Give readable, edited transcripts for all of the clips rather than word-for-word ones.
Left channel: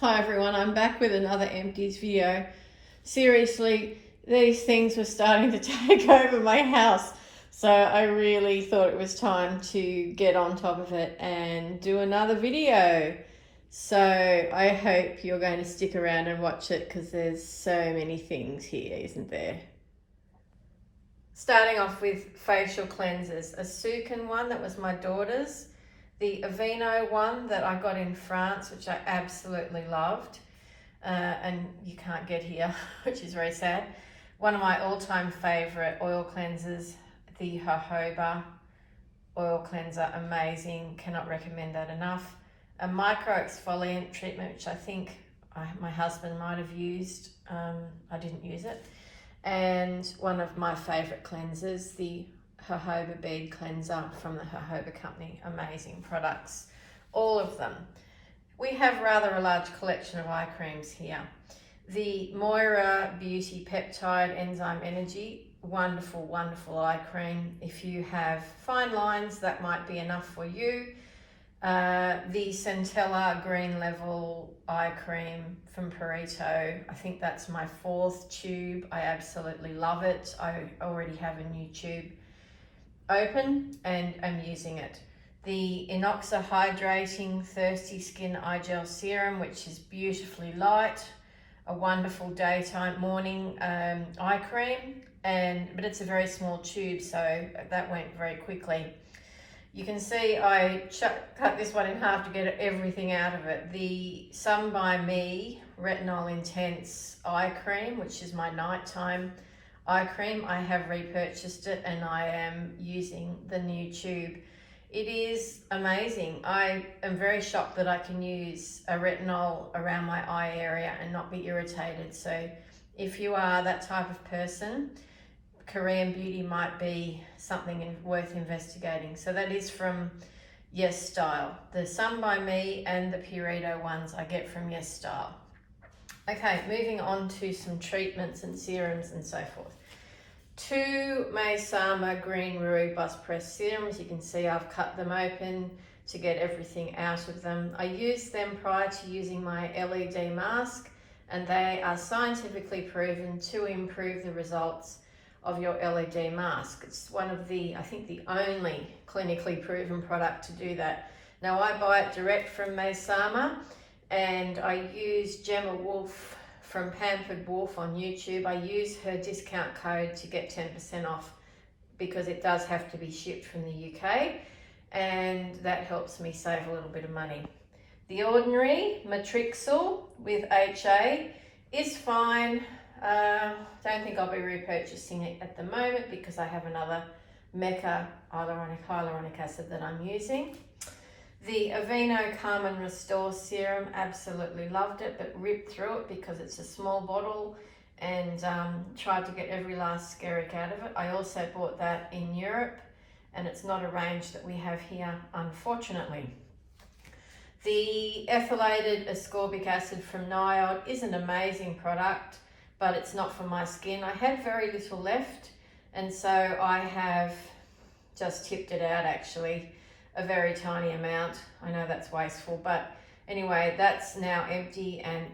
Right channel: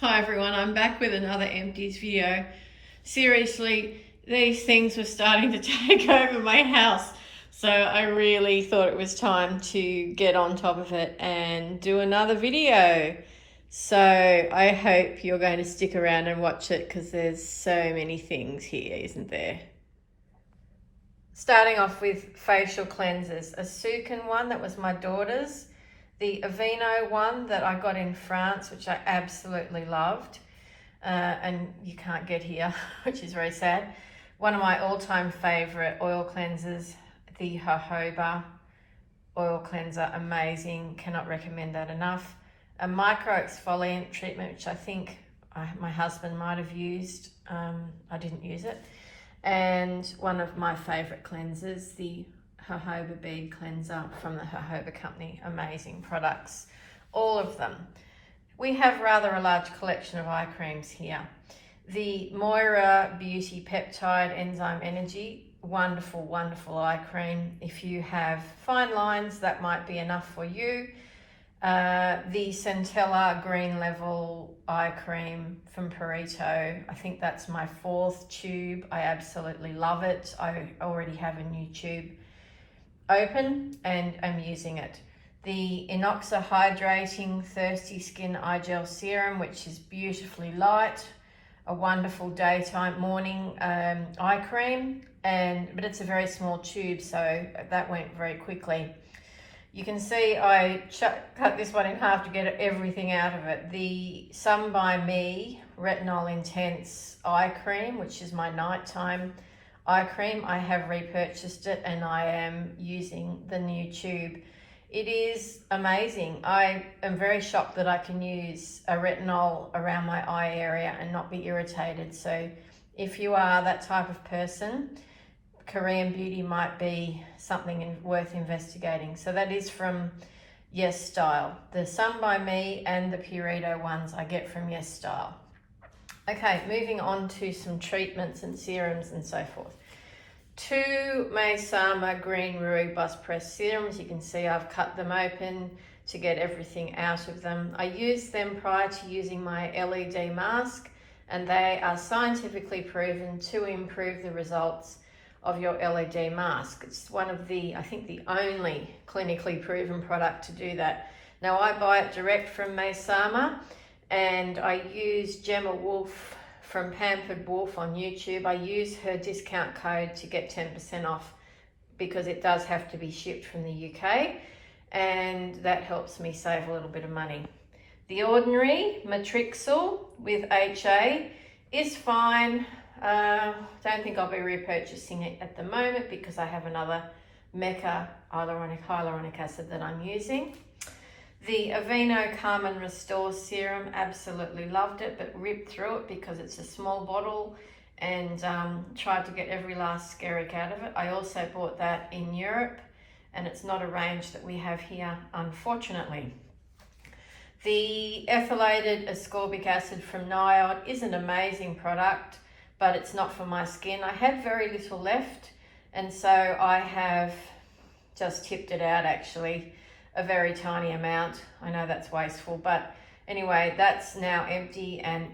Hi everyone, I'm back with another Empties video. Seriously, these things were starting to take over my house, so I really thought it was time to get on top of it and do another video. So I hope you're going to stick around and watch it because there's so many things here, isn't there? Starting off with facial cleansers, a Sukin one that was my daughter's, the Aveeno one that I got in France, which I absolutely loved. And you can't get here, which is very sad. One of my all-time favorite oil cleansers, the jojoba oil cleanser, amazing, cannot recommend that enough. A micro exfoliant treatment, which I think my husband might have used. I didn't use it. And one of my favorite cleansers, the jojoba bead cleanser from the jojoba company. Amazing products, all of them. We have rather a large collection of eye creams here. The Moira Beauty Peptide Enzyme Energy, wonderful, wonderful eye cream. If you have fine lines, that might be enough for you. The Centella Green Level Eye Cream from Perito, I think that's my 4th tube. I absolutely love it. I already have a new tube open and I'm using it. The Inoxa Hydrating Thirsty Skin Eye Gel Serum, which is beautifully light, a wonderful daytime morning eye cream, but it's a very small tube, so that went very quickly. You can see I cut this one in half to get everything out of it. The Sun By Me Retinol Intense Eye Cream, which is my nighttime eye cream, I have repurchased it and I am using the new tube. It is amazing. I am very shocked that I can use a retinol around my eye area and not be irritated. So if you are that type of person, Korean Beauty might be something worth investigating. So that is from Yes Style. The Sun By Me and the Purito ones I get from Yes Style. Okay, moving on to some treatments and serums and so forth. 2 Maysama Green Rue Bus Press serums. You can see I've cut them open to get everything out of them. I used them prior to using my LED mask, and they are scientifically proven to improve the results of your LED mask. It's one of the, I think the only clinically proven product to do that. Now I buy it direct from Maysama, and I use Gemma Wolf from Pampered Wolf on YouTube. I use her discount code to get 10% off because it does have to be shipped from the UK, and that helps me save a little bit of money. The Ordinary Matrixyl with HA is fine. Don't think I'll be repurchasing it at the moment because I have another Mecca hyaluronic acid that I'm using. The Aveeno Calm and Restore Serum, absolutely loved it, but ripped through it because it's a small bottle and tried to get every last skerrick out of it. I also bought that in Europe and it's not a range that we have here, unfortunately. The ethylated ascorbic acid from Niod is an amazing product, but it's not for my skin. I had very little left, and so I have just tipped it out actually, a very tiny amount. I know that's wasteful, but anyway, that's now empty and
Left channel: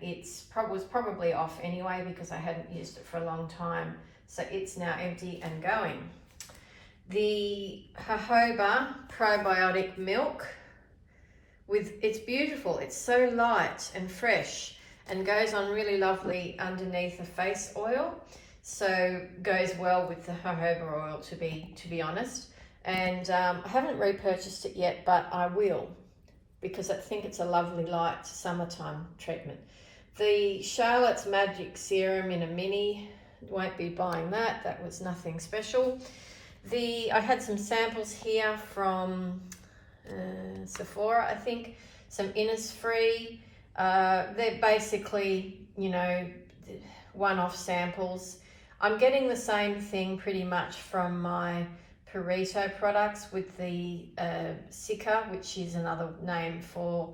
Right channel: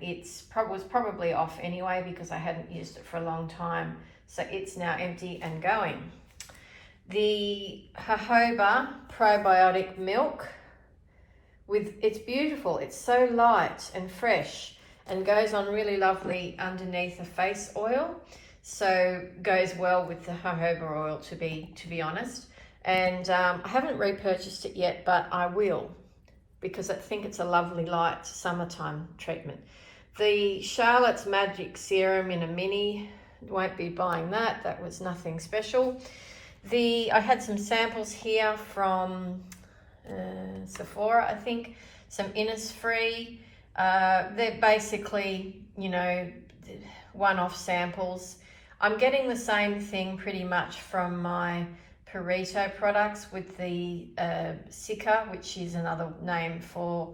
was probably off anyway because I hadn't used it for a long time. So it's now empty and going. The jojoba probiotic milk, it's beautiful. It's so light and fresh and goes on really lovely underneath the face oil. So goes well with the jojoba oil, to be honest. And I haven't repurchased it yet, but I will because I think it's a lovely light summertime treatment. The Charlotte's Magic Serum in a mini, won't be buying that. That was nothing special. I had some samples here from Sephora, I think, some Innisfree. They're basically, one-off samples. I'm getting the same thing pretty much from my Perito products with the Sika, which is another name for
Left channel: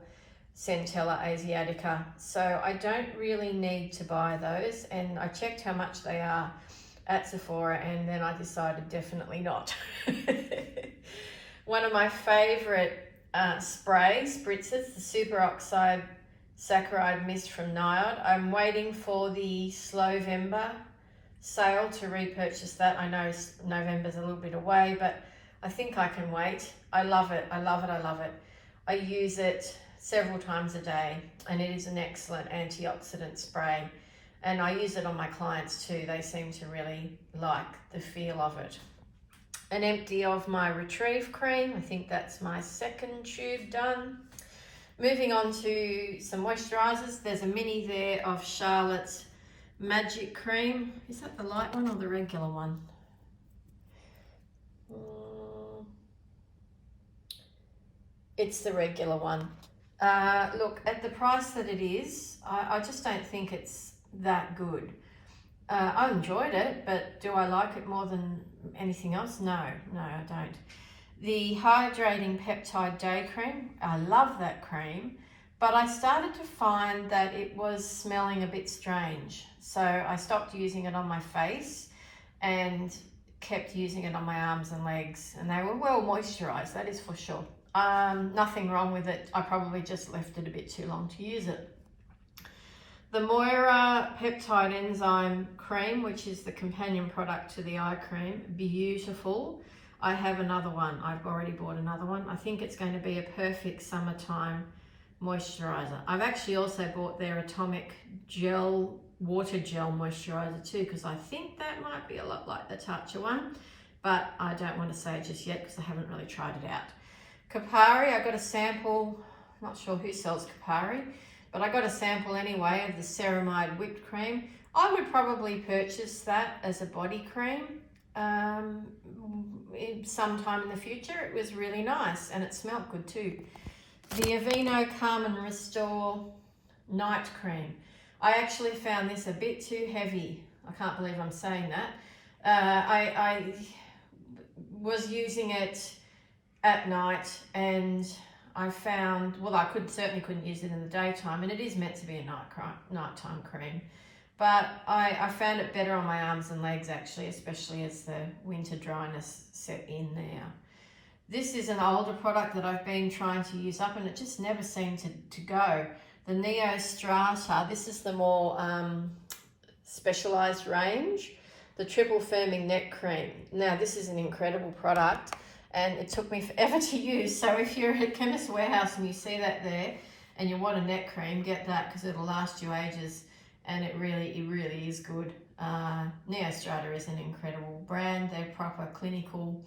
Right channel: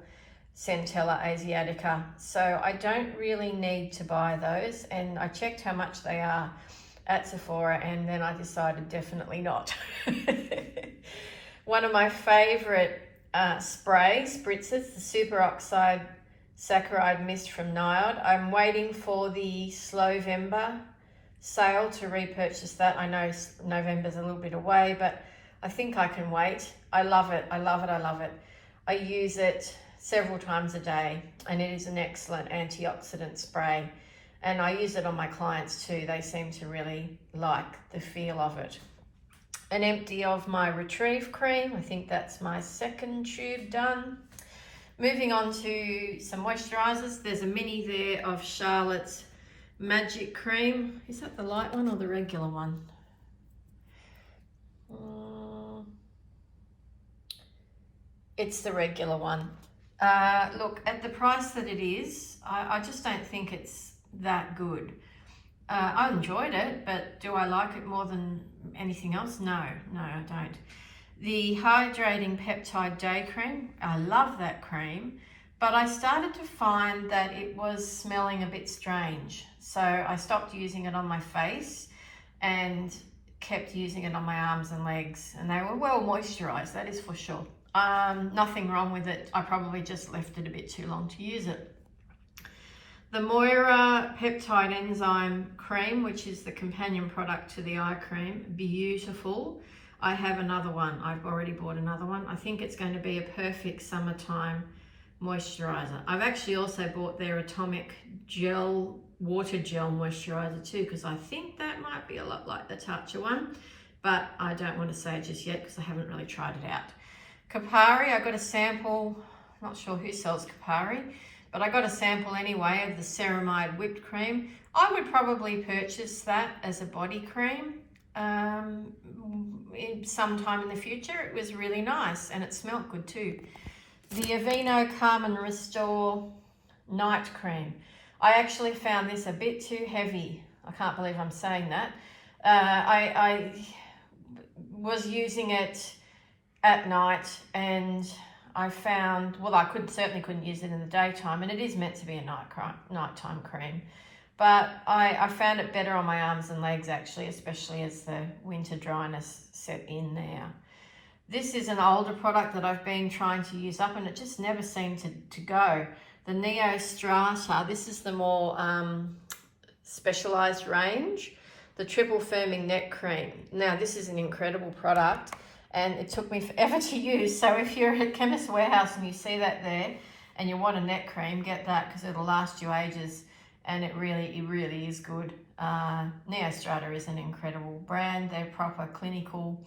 Centella asiatica. So I don't really need to buy those, and I checked how much they are at Sephora and then I decided definitely not. One of my favorite spray spritzers, the superoxide Saccharide Mist from Niod. I'm waiting for the Slowvember sale to repurchase that. I know November's a little bit away, but I think I can wait. I love it. I love it. I love it. I use it several times a day, and it is an excellent antioxidant spray. And I use it on my clients too. They seem to really like the feel of it. An empty of my Retrieve cream. I think that's my second tube done. Moving on to some moisturisers. There's a mini there of Charlotte's Magic Cream. Is that the light one or the regular one? It's the regular one. Look, at the price that it is, I just don't think it's that good. I enjoyed it, but do I like it more than anything else? No, I don't. The Hydrating Peptide Day Cream, I love that cream, but I started to find that it was smelling a bit strange. So I stopped using it on my face and kept using it on my arms and legs, and they were well moisturized, that is for sure. Nothing wrong with it. I probably just left it a bit too long to use it. The Moira Peptide Enzyme Cream, which is the companion product to the eye cream, beautiful. I have another one. I've already bought another one. I think it's going to be a perfect summertime moisturizer. I've actually also bought their Atomic Gel, Water Gel Moisturizer too, because I think that might be a lot like the Tatcha one, but I don't want to say just yet because I haven't really tried it out. Kapari, I got a sample, not sure who sells Kapari, but I got a sample anyway of the Ceramide Whipped Cream. I would probably purchase that as a body cream sometime in the future. It was really nice and it smelled good too. The Aveeno Calm and Restore Night Cream. I actually found this a bit too heavy. I can't believe I'm saying that. I was using it at night and I found, well, I certainly couldn't use it in the daytime, and it is meant to be a nighttime cream. But I found it better on my arms and legs actually, especially as the winter dryness set in there. This is an older product that I've been trying to use up and it just never seemed to go. The Neo Strata, this is the more specialized range. The Triple Firming Neck Cream. Now this is an incredible product and it took me forever to use. So if you're at Chemist Warehouse and you see that there and you want a neck cream, get that because it'll last you ages. And it really is good. Neo Strata is an incredible brand. They're proper clinical,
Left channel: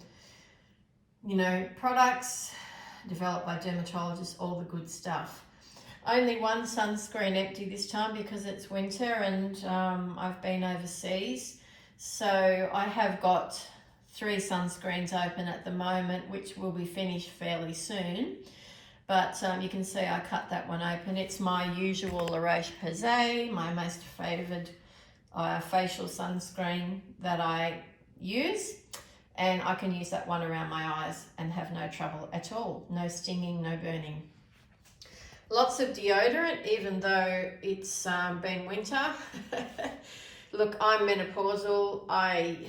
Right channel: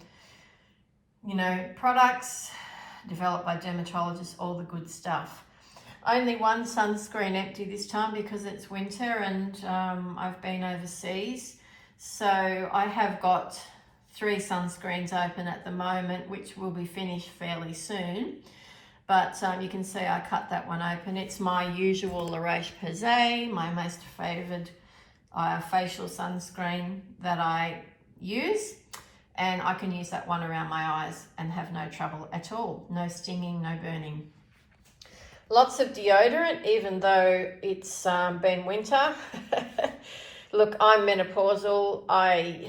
products developed by dermatologists, all the good stuff. Only one sunscreen empty this time because it's winter and I've been overseas. So I have got 3 sunscreens open at the moment, which will be finished fairly soon. But you can see I cut that one open. It's my usual La Roche-Posay, my most favoured facial sunscreen that I use. And I can use that one around my eyes and have no trouble at all. No stinging, no burning. Lots of deodorant, even though it's been winter. Look, I'm menopausal. I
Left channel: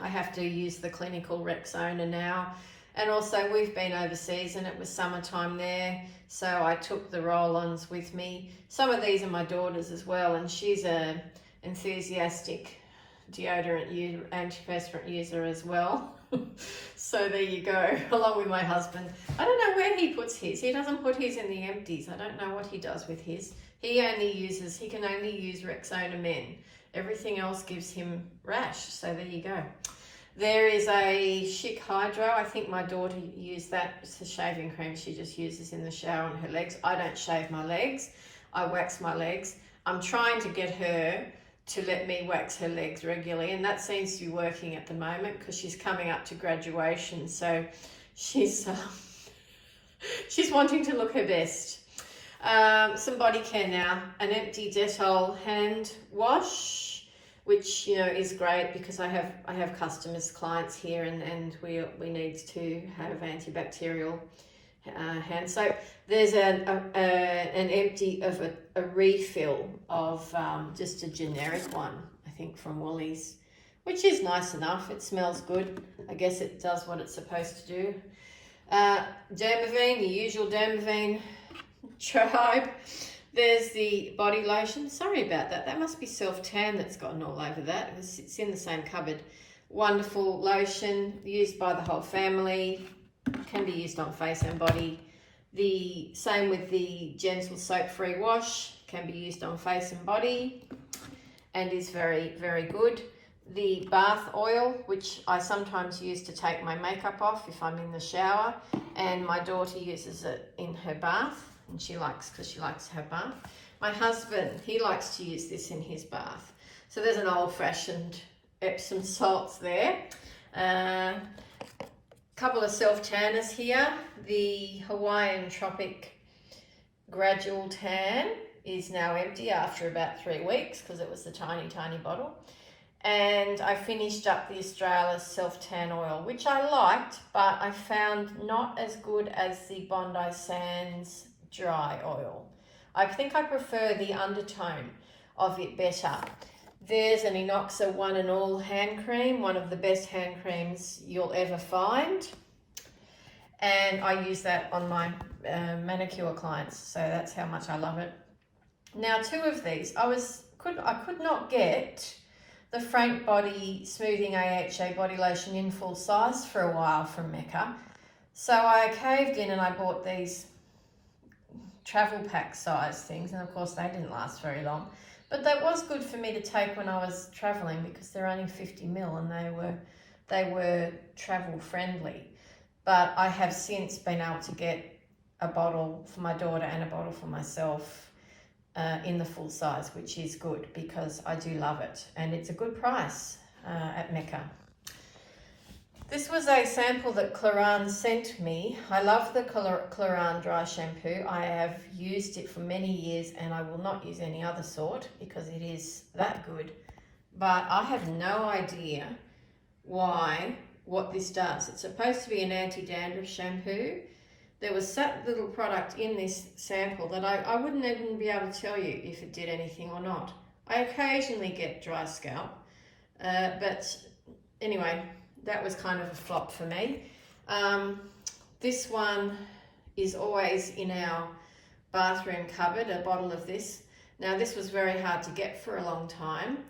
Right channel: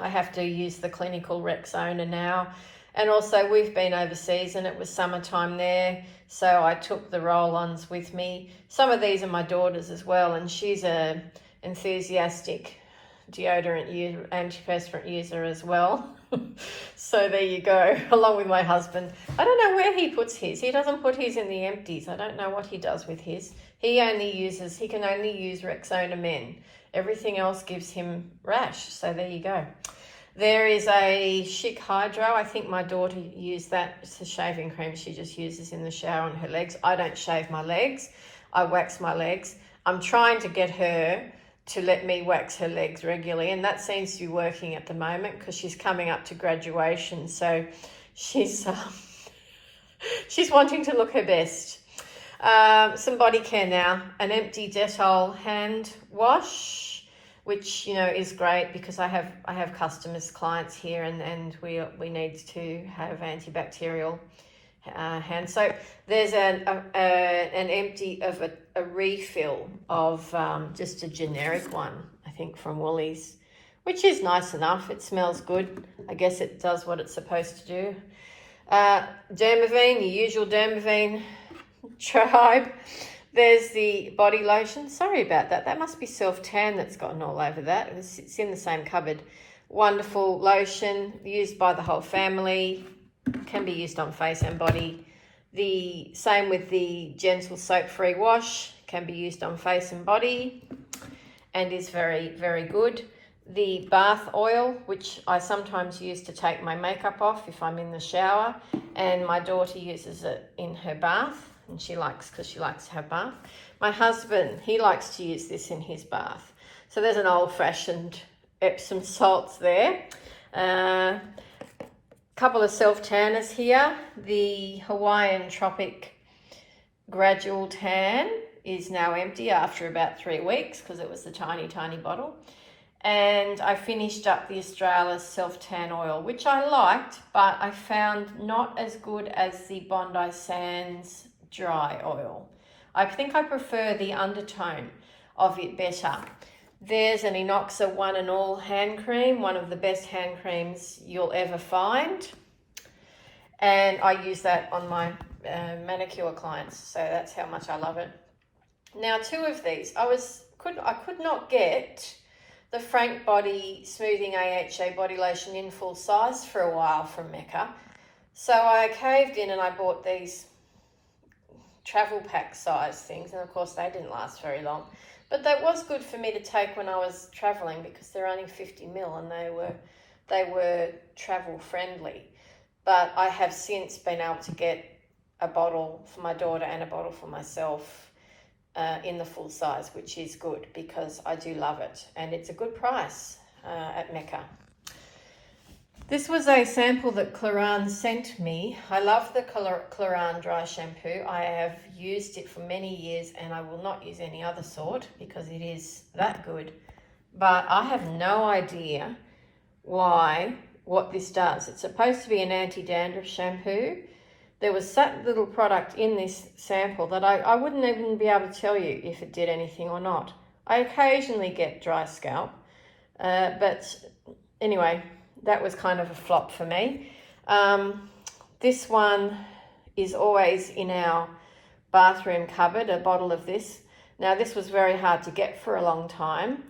have to use the clinical Rexona now. And also we've been overseas and it was summertime there. So I took the roll-ons with me. Some of these are my daughter's as well. And she's a enthusiastic deodorant user, antiperspirant user as well. So there you go, along with my husband. I don't know where he puts his. He doesn't put his in the empties. I don't know what he does with his. He can only use Rexona Men. Everything else gives him rash. So there you go. There is a Chic Hydro. I think my daughter used that. It's a shaving cream she just uses in the shower on her legs. I don't shave my legs. I wax my legs. I'm trying to get her to let me wax her legs regularly, and that seems to be working at the moment because she's coming up to graduation. So she's wanting to look her best. Some body care now. An empty Dettol hand wash, which is great because I have customers, clients here, and we need to have antibacterial hand soap. There's an empty of a refill of just a generic one, I think from Woolies, which is nice enough. It smells good. I guess it does what it's supposed to do. Dermaveen, the usual Dermaveen tribe. There's the body lotion. Sorry about that. That must be self-tan that's gotten all over that. It's in the same cupboard. Wonderful lotion, used by the whole family. Can be used on face and body. The same with the gentle soap-free wash. Can be used on face and body and is very, very good. The bath oil, which I sometimes use to take my makeup off if I'm in the shower, and my daughter uses it in her bath, and because she likes to have bath. My husband, he likes to use this in his bath. So there's an old-fashioned Epsom salts there. Couple of self-tanners here. The Hawaiian Tropic Gradual Tan is now empty after about 3 weeks because it was the tiny, tiny bottle. And I finished up the Australis self-tan oil, which I liked, but I found not as good as the Bondi Sands dry oil. I think I prefer the undertone of it better. There's an Inoxa One and All hand cream, one of the best hand creams you'll ever find. And I use that on my manicure clients, so that's how much I love it. Now, 2 of these, I could not get the Frank Body Smoothing AHA Body Lotion in full size for a while from Mecca. So I caved in and I bought these travel pack size things, and of course they didn't last very long. But that was good for me to take when I was traveling because they're only 50 ml and they were travel friendly. But I have since been able to get a bottle for my daughter and a bottle for myself in the full size, which is good because I do love it, and it's a good price at Mecca. This was a sample that Claran sent me. I love the Claran dry shampoo. I have used it for many years and I will not use any other sort because it is that good. But I have no idea what this does. It's supposed to be an anti-dandruff shampoo. There was that little product in this sample that I wouldn't even be able to tell you if it did anything or not. I occasionally get dry scalp, but anyway, that was kind of a flop for me. This one is always in our bathroom cupboard, a bottle of this. Now, this was very hard to get for a long time.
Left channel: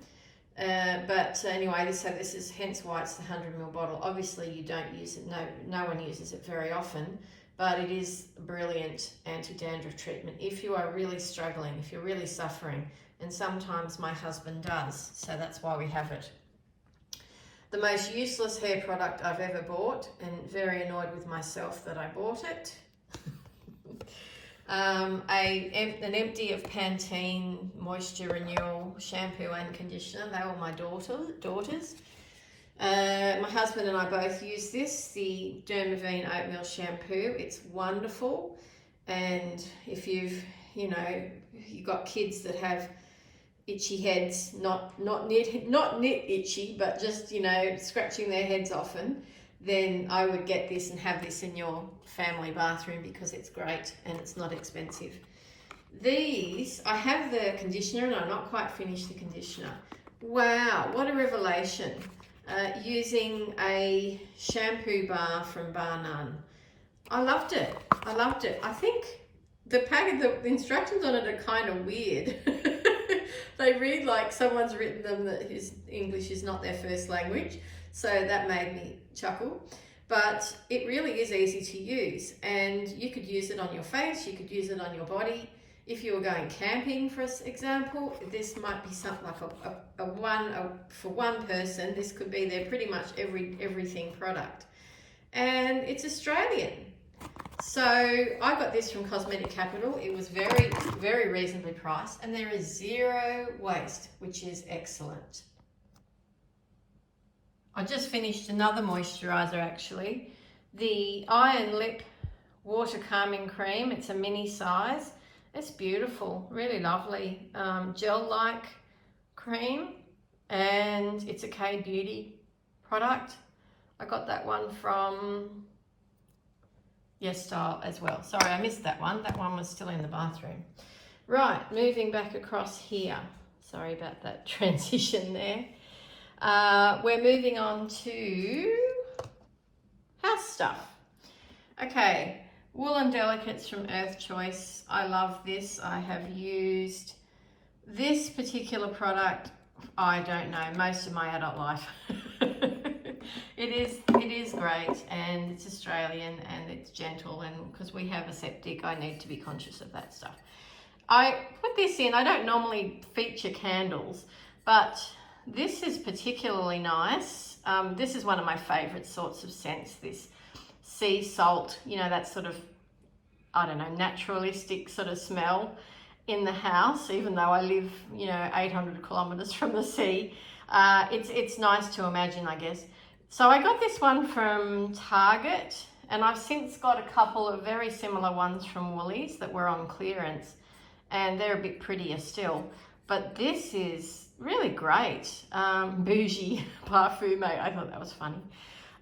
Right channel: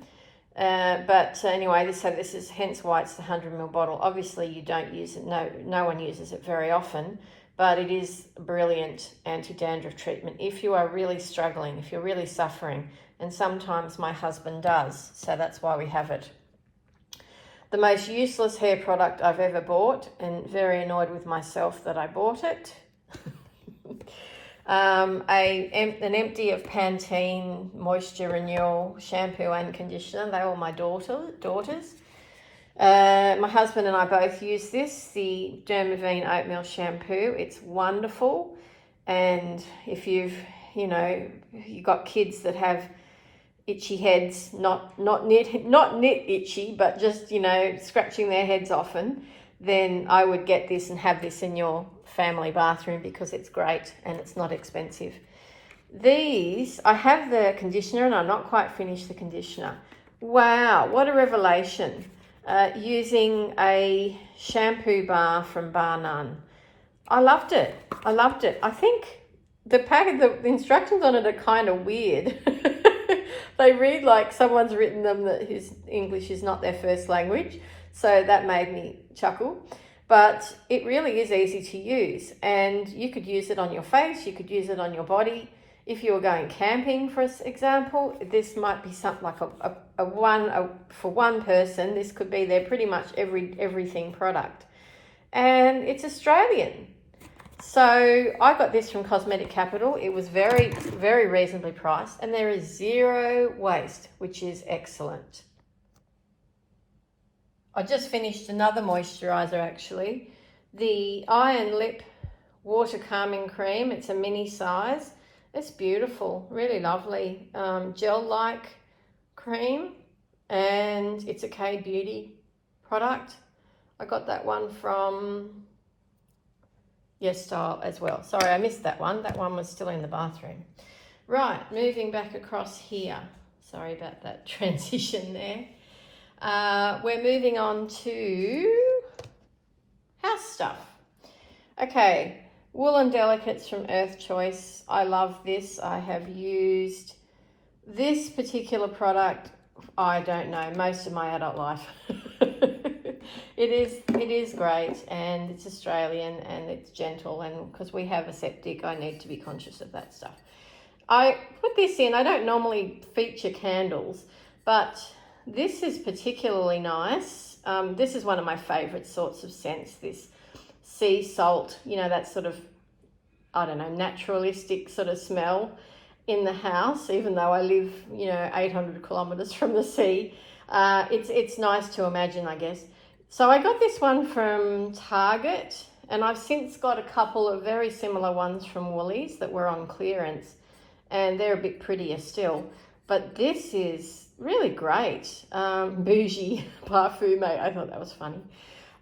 But anyway, this is hence why it's the 100 ml bottle. Obviously, you don't use it. No one uses it very often. But it is a brilliant anti-dandruff treatment if you are really struggling, if you're really suffering. And sometimes my husband does, so that's why we have it. The most useless hair product I've ever bought, and very annoyed with myself that I bought it. An empty of Pantene Moisture Renewal shampoo and conditioner. They were my daughters. My husband and I both use this, the Dermaveen Oatmeal Shampoo. It's wonderful. And if you've got kids that have itchy heads, not knit itchy, but just, scratching their heads often, then I would get this and have this in your family bathroom because it's great and it's not expensive. These, I have the conditioner and I'm not quite finished the conditioner. Wow, what a revelation. Using a shampoo bar from Bar None. I loved it. I think the instructions on it are kind of weird. They read like someone's written them that his English is not their first language. So that made me chuckle. But it really is easy to use, and you could use it on your face, you could use it on your body. If you were going camping, for example, this might be something like for one person. This could be their pretty much everything product. And it's Australian. So I got this from Cosmetic Capital. It was very, very reasonably priced, and there is zero waste, which is excellent. I just finished another moisturiser actually. The Iron Lip Water Calming Cream. It's a mini size. It's beautiful, really lovely, gel-like cream, and it's a K-Beauty product. I got that one from Yes Style as well. Sorry, I missed that one. That one was still in the bathroom. Right, moving back across here. Sorry about that transition there. We're moving on to house stuff. Okay. Woolen Delicates from Earth Choice. I love this. I have used this particular product, I don't know, most of my adult life. It is great, and it's Australian and it's gentle, and because we have a septic, I need to be conscious of that stuff. I put this in. I don't normally feature candles, but this is particularly nice. This is one of my favorite sorts of scents, this sea salt, you know, that sort of, I don't know, naturalistic sort of smell in the house, even though I live, you know, 800 kilometers from the sea. It's nice to imagine, I guess. So I got this one from Target, and I've since got a couple of very similar ones from Woolies that were on clearance, and they're a bit prettier still. But this is really great. Bougie parfume, I thought that was funny.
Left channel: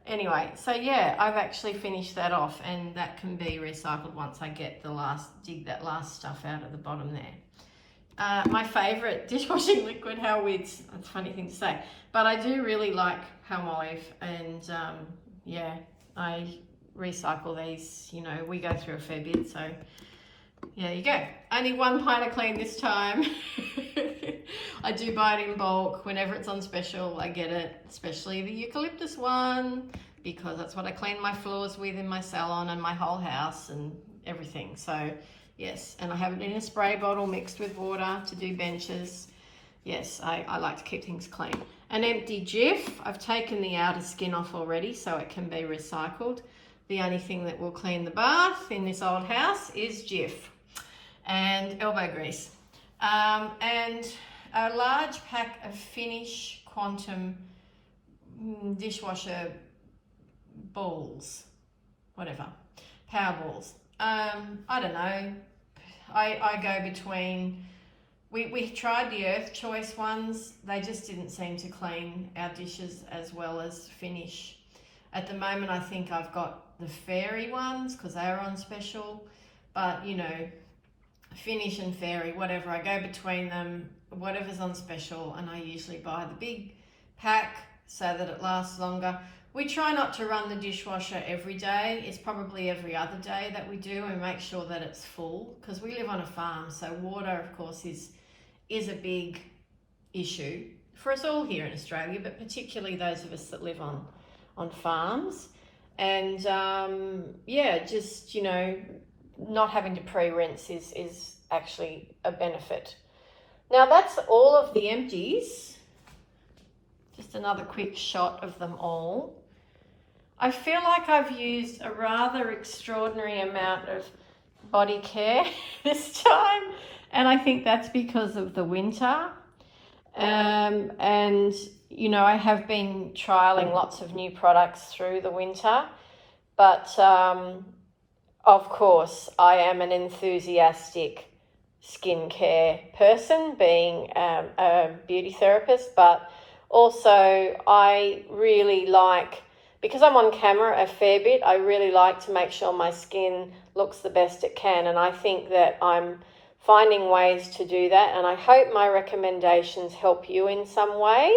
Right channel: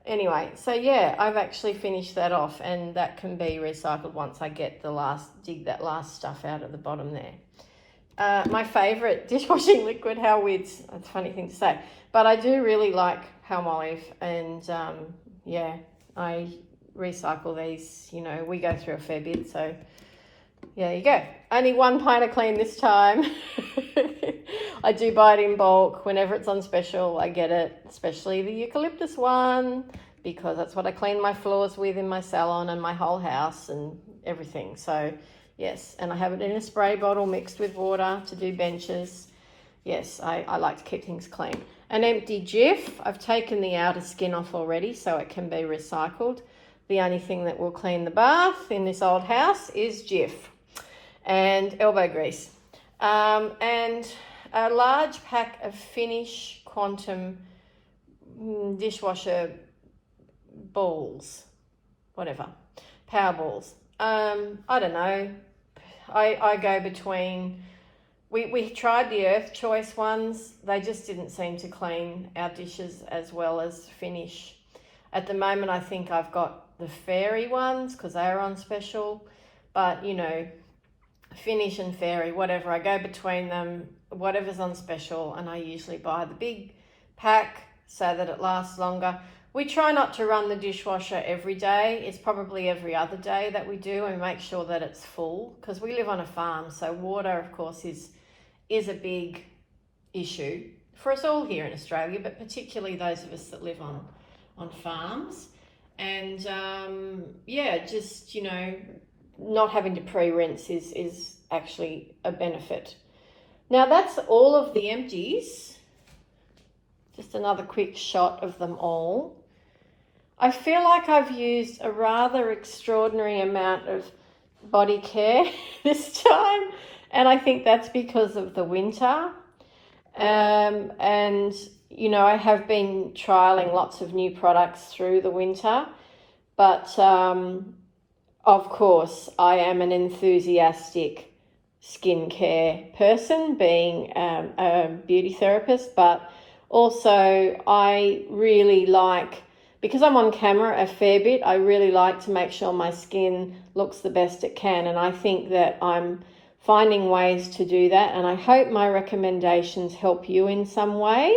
Anyway, so yeah, I've actually finished that off, and that can be recycled once I get dig that last stuff out at the bottom there. My favourite dishwashing liquid, how weird, it's a funny thing to say, but I do really like Palmolive, and yeah, I recycle these, you know, we go through a fair bit, so yeah, there you go. Only 1 pint of clean this time. I do buy it in bulk. Whenever it's on special, I get it, especially the eucalyptus one, because that's what I clean my floors with in my salon and my whole house and everything. So yes, and I have it in a spray bottle mixed with water to do benches. Yes, I like to keep things clean. An empty Jif. I've taken the outer skin off already, so it can be recycled. The only thing that will clean the bath in this old house is Jif and elbow grease. And a large pack of Finish Quantum dishwasher balls, whatever, power balls. I don't know. I go between, we tried the Earth Choice ones. They just didn't seem to clean our dishes as well as Finish. At the moment, I think I've got the Fairy ones because they are on special, but you know, Finish and Fairy, whatever, I go between them, whatever's on special, and I usually buy the big pack so that it lasts longer. We try not to run the dishwasher every day. It's probably every other day that we do, and make sure that it's full, because we live on a farm, so water, of course, is a big issue for us all here in Australia, but particularly those of us that live on farms. And yeah, just, you know, not having to pre-rinse is actually a benefit. Now that's all of the empties. Just another quick shot of them all. I feel like I've used a rather extraordinary amount of body care this time, and I think that's because of the winter. And you know, I have been trialing lots of new products through the winter, but of course I am an enthusiastic skincare person, being a beauty therapist, but also I really like, because I'm on camera a fair bit, I really like to make sure my skin looks the best it can, and I think that I'm finding ways to do that, and I hope my recommendations help you in some way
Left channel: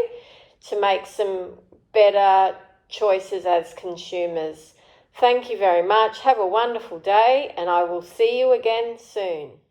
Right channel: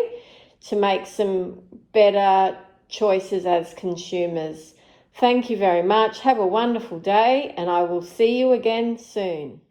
to make some better choices as consumers. Thank you very much. Have a wonderful day, and I will see you again soon.